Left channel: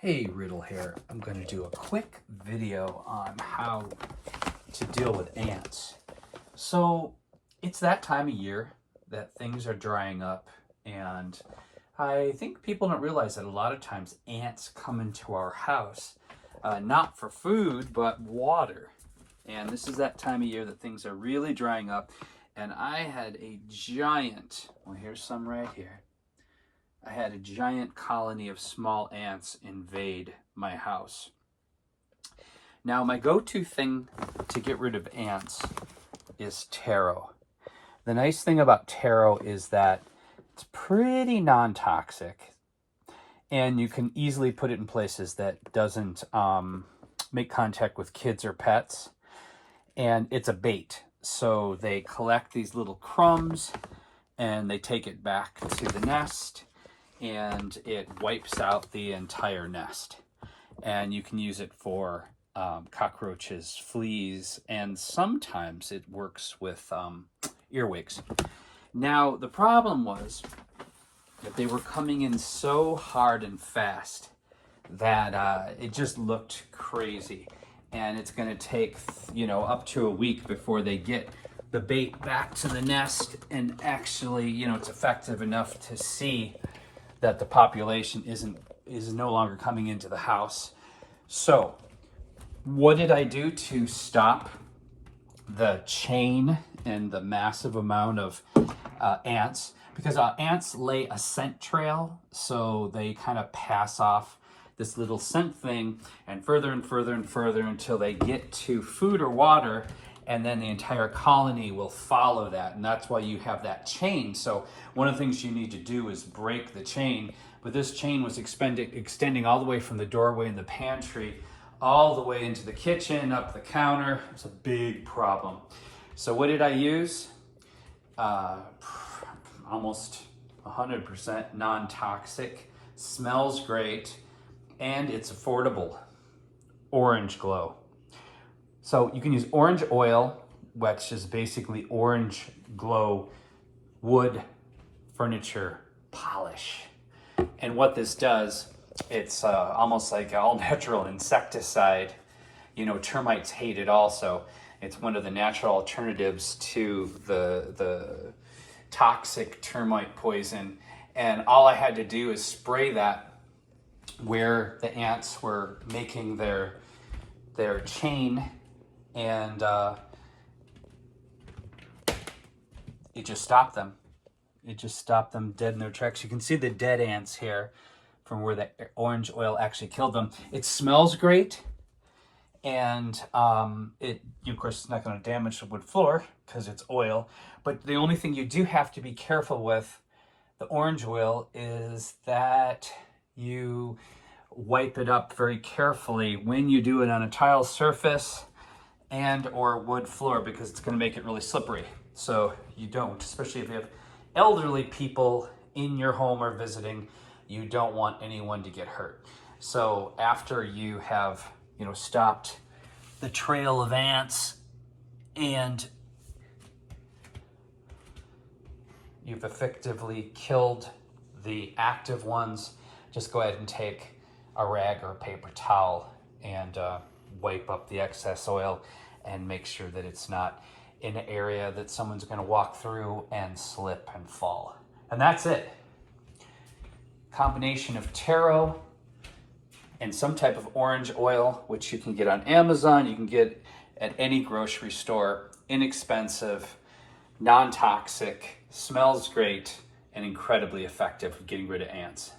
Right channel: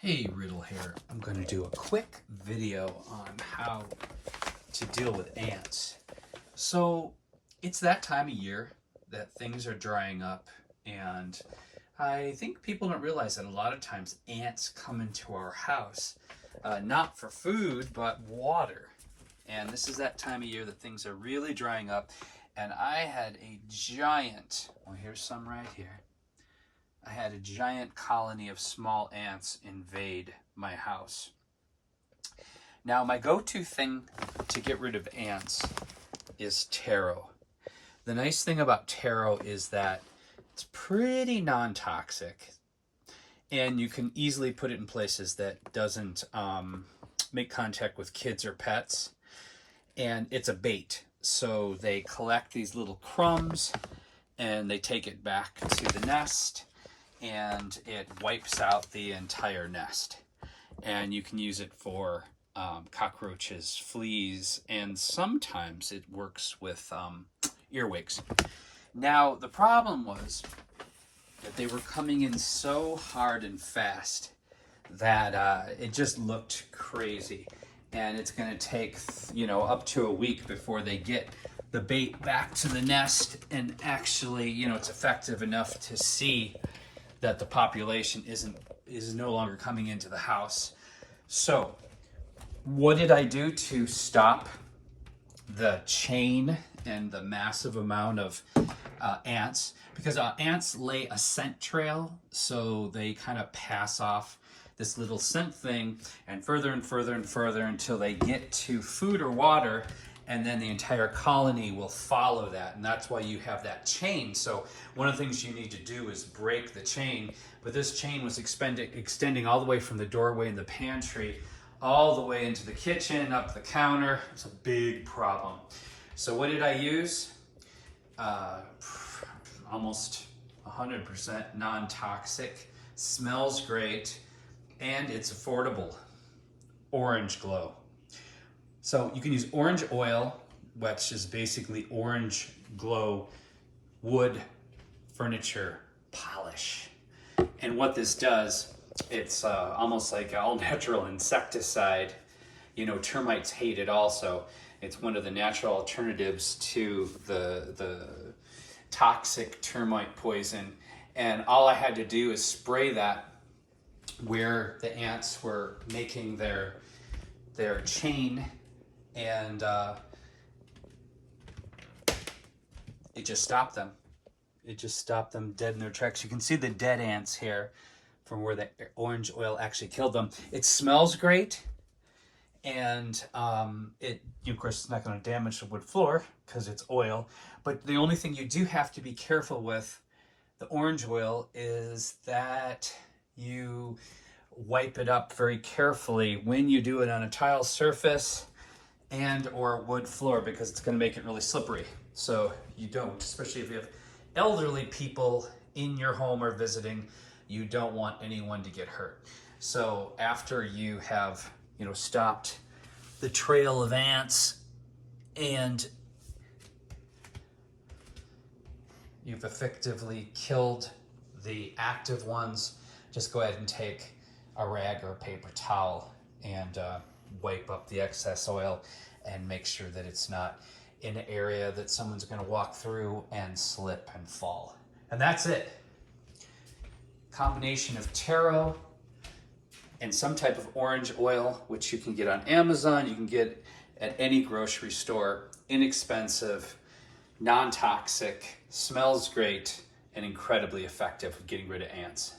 Hey Riddle here, I'm going to do a quick video on how to deal with ants. So it's that time of year that things are drying up, and I think people don't realize that a lot of times ants come into our house, not for food, but water. And this is that time of year that things are really drying up, and I had a giant, well here's some right here. I had a giant colony of small ants invade my house. Now, my go-to thing to get rid of ants is taro. The nice thing about taro is that it's pretty non-toxic, and you can easily put it in places that doesn't make contact with kids or pets. And it's a bait, so they collect these little crumbs and they take it back to the nest, and it wipes out the entire nest. And you can use it for cockroaches, fleas, and sometimes it works with earwigs. Now, the problem was that they were coming in so hard and fast that it just looked crazy. And it's going to take, up to a week before they get the bait back to the nest and actually, it's effective enough to see that the population is no longer coming into the house. So what did I do to stop the chain and the massive amount of ants? Because ants lay a scent trail, so they kind of pass off this little scent thing and further and further and further until they get to food or water, and then the entire colony will follow that. And that's why you have that chain. So one of the things you need to do is break the chain. But this chain was extending all the way from the doorway in the pantry all the way into the kitchen, up the counter. It's a big problem. So what did I use? Almost 100% non-toxic, smells great, and it's affordable. Orange Glow. So you can use orange oil, which is basically Orange Glow wood furniture polish. And what this does, it's almost like all natural insecticide. Termites hate it also. It's one of the natural alternatives to the toxic termite poison. And all I had to do is spray that where the ants were making their chain, and it just stopped them. It just stopped them dead in their tracks. You can see the dead ants here from where the orange oil actually killed them. It smells great, and of course, it's not going to damage the wood floor because it's oil. But the only thing you do have to be careful with the orange oil is that you wipe it up very carefully when you do it on a tile surface and or wood floor, because it's going to make it really slippery. So you don't, especially if you have elderly people in your home or visiting, you don't want anyone to get hurt. So after you have, stopped the trail of ants and you've effectively killed the active ones, just go ahead and take a rag or a paper towel and wipe up the excess oil and make sure that it's not in an area that someone's going to walk through and slip and fall. And that's it. Combination of taro and some type of orange oil, which you can get on Amazon, you can get at any grocery store, inexpensive, non-toxic, smells great, and incredibly effective at getting rid of ants.